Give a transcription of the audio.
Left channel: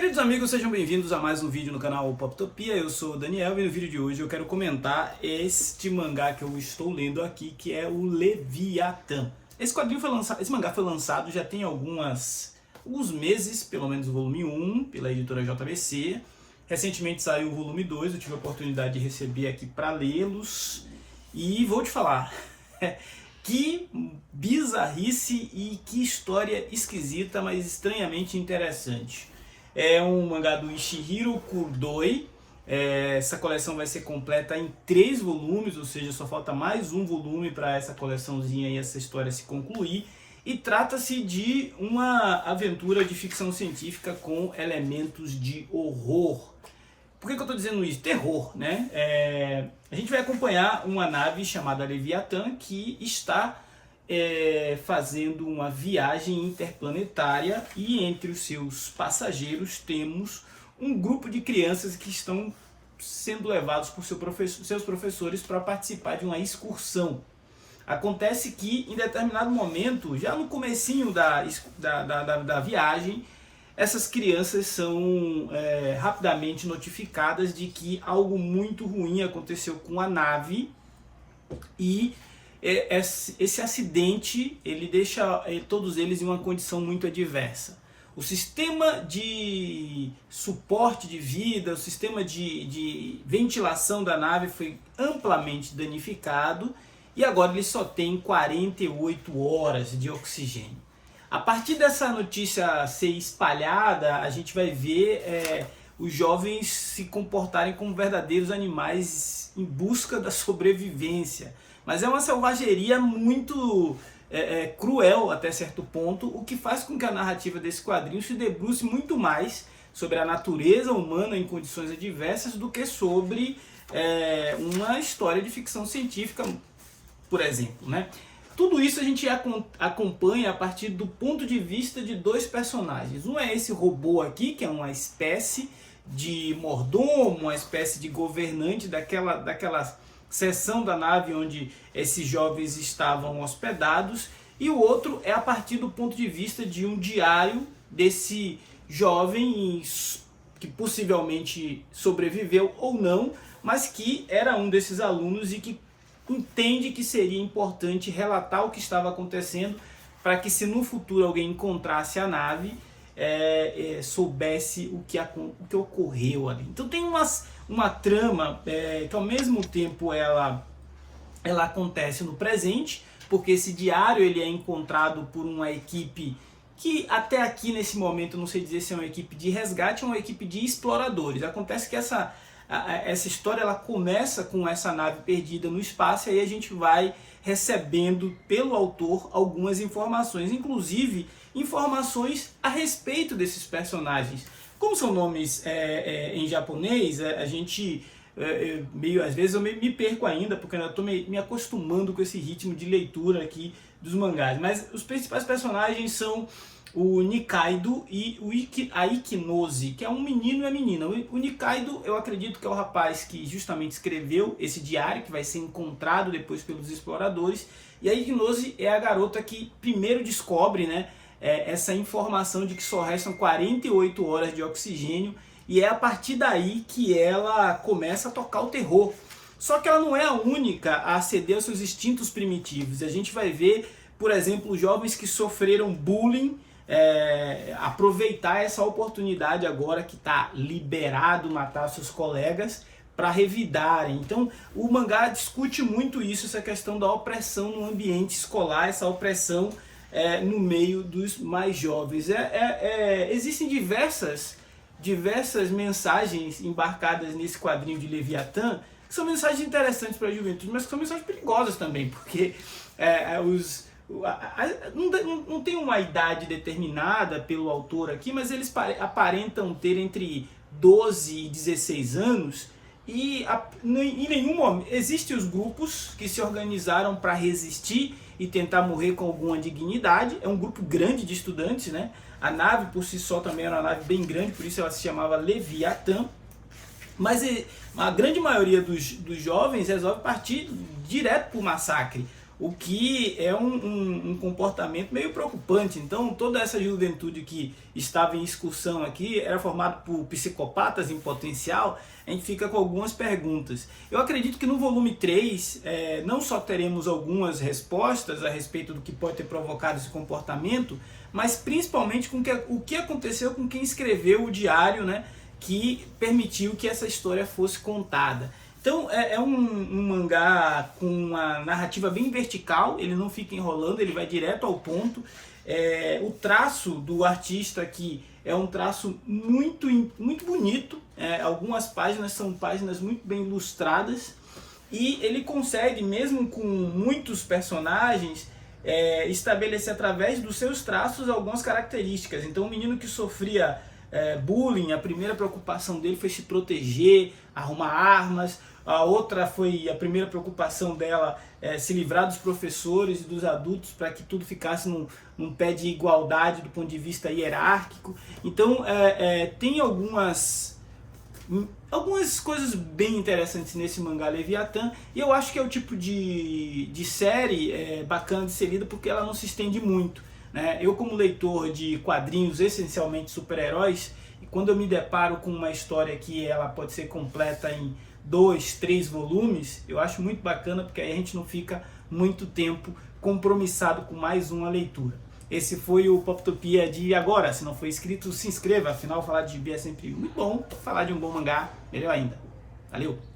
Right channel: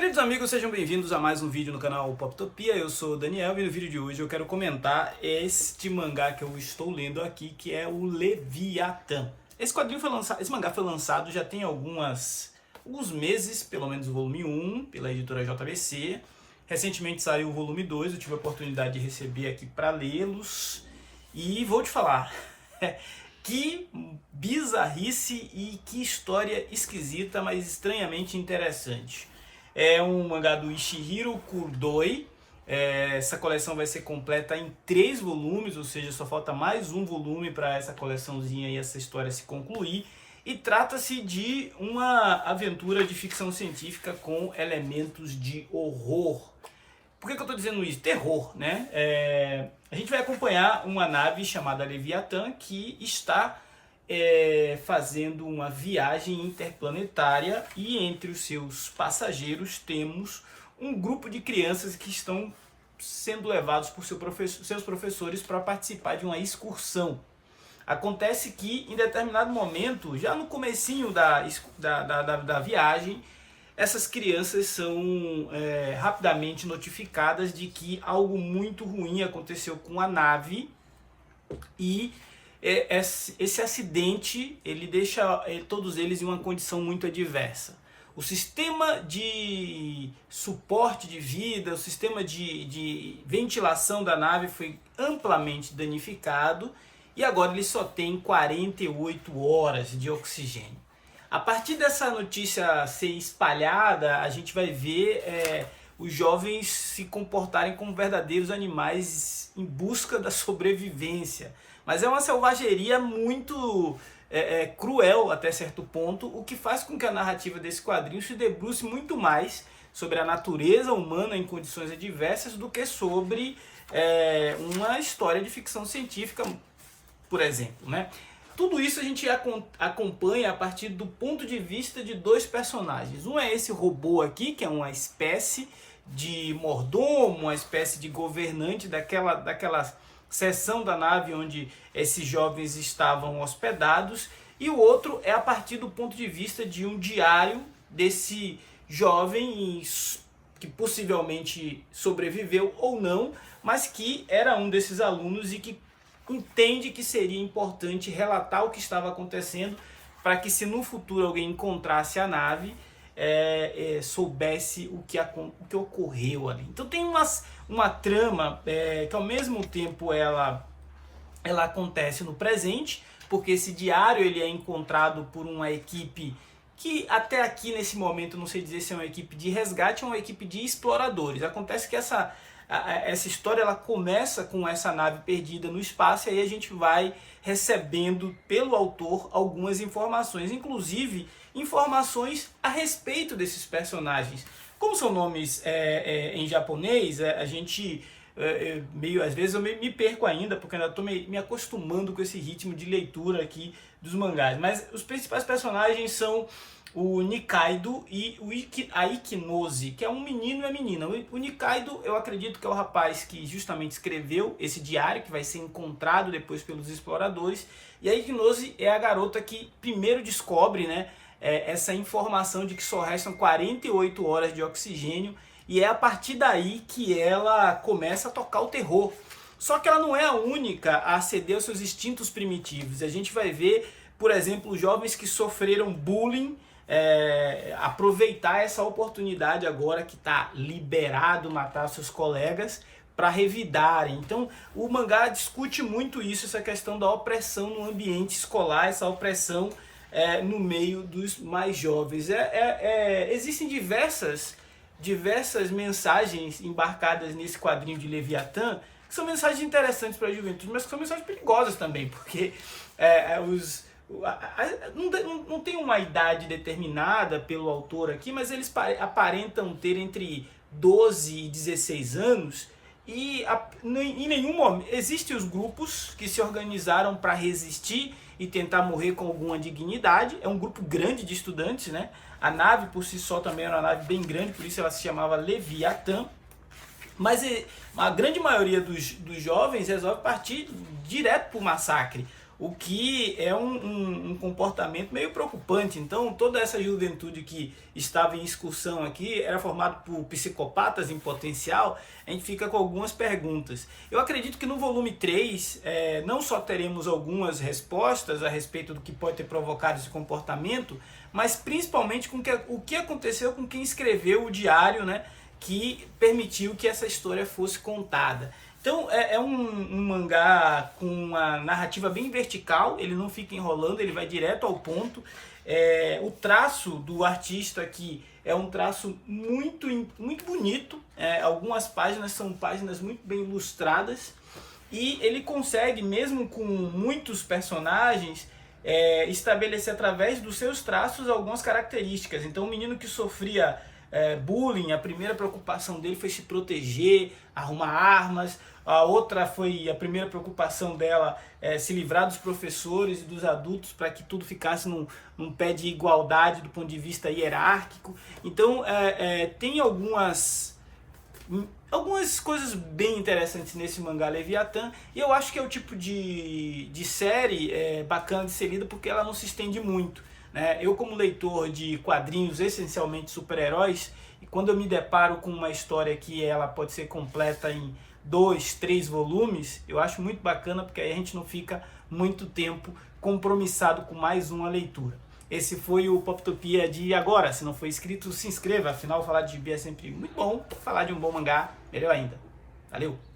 Queridos amigos, sejam bem-vindos a mais um vídeo no canal Poptopia. Eu sou o Daniel e no vídeo de hoje eu quero comentar este mangá que eu estou lendo aqui, que é o Leviatã. Esse mangá foi lançado já tem alguns meses, pelo menos o volume 1, pela editora JBC. Recentemente saiu o volume 2, eu tive a oportunidade de receber aqui para lê-los. E vou te falar, que bizarrice e que história esquisita, mas estranhamente interessante. É um mangá do Ishihiro Kurdoi. Essa coleção vai ser completa em 3 volumes, ou seja, só falta mais um volume para essa coleçãozinha e essa história se concluir. E trata-se de uma aventura de ficção científica com elementos de horror. Por que eu estou dizendo isso? Terror, né? A gente vai acompanhar uma nave chamada Leviatã que está fazendo uma viagem interplanetária e entre os seus passageiros temos um grupo de crianças que estão sendo levados por seus professores para participar de uma excursão. Acontece que em determinado momento, já no comecinho da viagem, essas crianças são rapidamente notificadas de que algo muito ruim aconteceu com a nave e esse acidente ele deixa todos eles em uma condição muito adversa. O sistema de suporte de vida, o sistema de ventilação da nave foi amplamente danificado e agora ele só tem 48 horas de oxigênio. A partir dessa notícia ser espalhada, a gente vai ver os jovens se comportarem como verdadeiros animais em busca da sobrevivência. Mas é uma selvageria muito cruel até certo ponto, o que faz com que a narrativa desse quadrinho se debruce muito mais sobre a natureza humana em condições adversas do que sobre uma história de ficção científica, por exemplo, né? Tudo isso a gente acompanha a partir do ponto de vista de 2 personagens. Um é esse robô aqui, que é uma espécie de mordomo, uma espécie de governante daquela seção da nave onde esses jovens estavam hospedados. E o outro é a partir do ponto de vista de um diário desse jovem que possivelmente sobreviveu ou não, mas que era um desses alunos e que entende que seria importante relatar o que estava acontecendo para que, se no futuro alguém encontrasse a nave, soubesse o que ocorreu ali. Então tem uma trama que ao mesmo tempo ela acontece no presente, porque esse diário ele é encontrado por uma equipe que até aqui nesse momento não sei dizer se é uma equipe de resgate ou uma equipe de exploradores. Acontece que essa história ela começa com essa nave perdida no espaço e aí a gente vai recebendo pelo autor algumas informações, inclusive informações a respeito desses personagens. Como são nomes em japonês, a gente às vezes eu me perco ainda, porque eu ainda estou me acostumando com esse ritmo de leitura aqui dos mangás. Mas os principais personagens são o Nikaido e a Ikinose, que é um menino e a menina. O Nikaido, eu acredito que é o rapaz que justamente escreveu esse diário, que vai ser encontrado depois pelos exploradores. E a Ikinose é a garota que primeiro descobre, né, essa informação de que só restam 48 horas de oxigênio. E é a partir daí que ela começa a tocar o terror. Só que ela não é a única a ceder aos seus instintos primitivos. A gente vai ver, por exemplo, jovens que sofreram bullying, aproveitar essa oportunidade agora que está liberado matar seus colegas para revidarem. Então o mangá discute muito isso, essa questão da opressão no ambiente escolar, essa opressão no meio dos mais jovens. Existem diversas mensagens embarcadas nesse quadrinho de Leviatã, que são mensagens interessantes para a juventude, mas que são mensagens perigosas também, porque não tem uma idade determinada pelo autor aqui, mas eles aparentam ter entre 12 e 16 anos, e em nenhum momento existem os grupos que se organizaram para resistir e tentar morrer com alguma dignidade. É um grupo grande de estudantes, né? A nave por si só também era uma nave bem grande, por isso ela se chamava Leviatã. Mas a grande maioria dos jovens resolve partir direto para o massacre. o que é um comportamento meio preocupante. Então, toda essa juventude que estava em excursão aqui era formada por psicopatas em potencial. A gente fica com algumas perguntas. Eu acredito que no volume 3, não só teremos algumas respostas a respeito do que pode ter provocado esse comportamento, mas principalmente com o que aconteceu com quem escreveu o diário, né, que permitiu que essa história fosse contada. Então é um mangá com uma narrativa bem vertical, ele não fica enrolando, ele vai direto ao ponto. O traço do artista aqui é um traço muito, muito bonito, algumas páginas são páginas muito bem ilustradas, e ele consegue, mesmo com muitos personagens, estabelecer através dos seus traços algumas características. Então o menino que sofria bullying, a primeira preocupação dele foi se proteger, arrumar armas. A outra foi, a primeira preocupação dela, se livrar dos professores e dos adultos para que tudo ficasse num pé de igualdade do ponto de vista hierárquico. Então tem algumas coisas bem interessantes nesse mangá Leviatã, e eu acho que é o tipo de série bacana de ser lida porque ela não se estende muito, né? Eu, como leitor de quadrinhos essencialmente super-heróis, e quando eu me deparo com uma história que ela pode ser completa em 2, 3 volumes, eu acho muito bacana, porque aí a gente não fica muito tempo compromissado com mais uma leitura. Esse foi o Poptopia de agora. Se não for inscrito, se inscreva, afinal falar de gibi é sempre muito bom, falar de um bom mangá, melhor ainda. Valeu!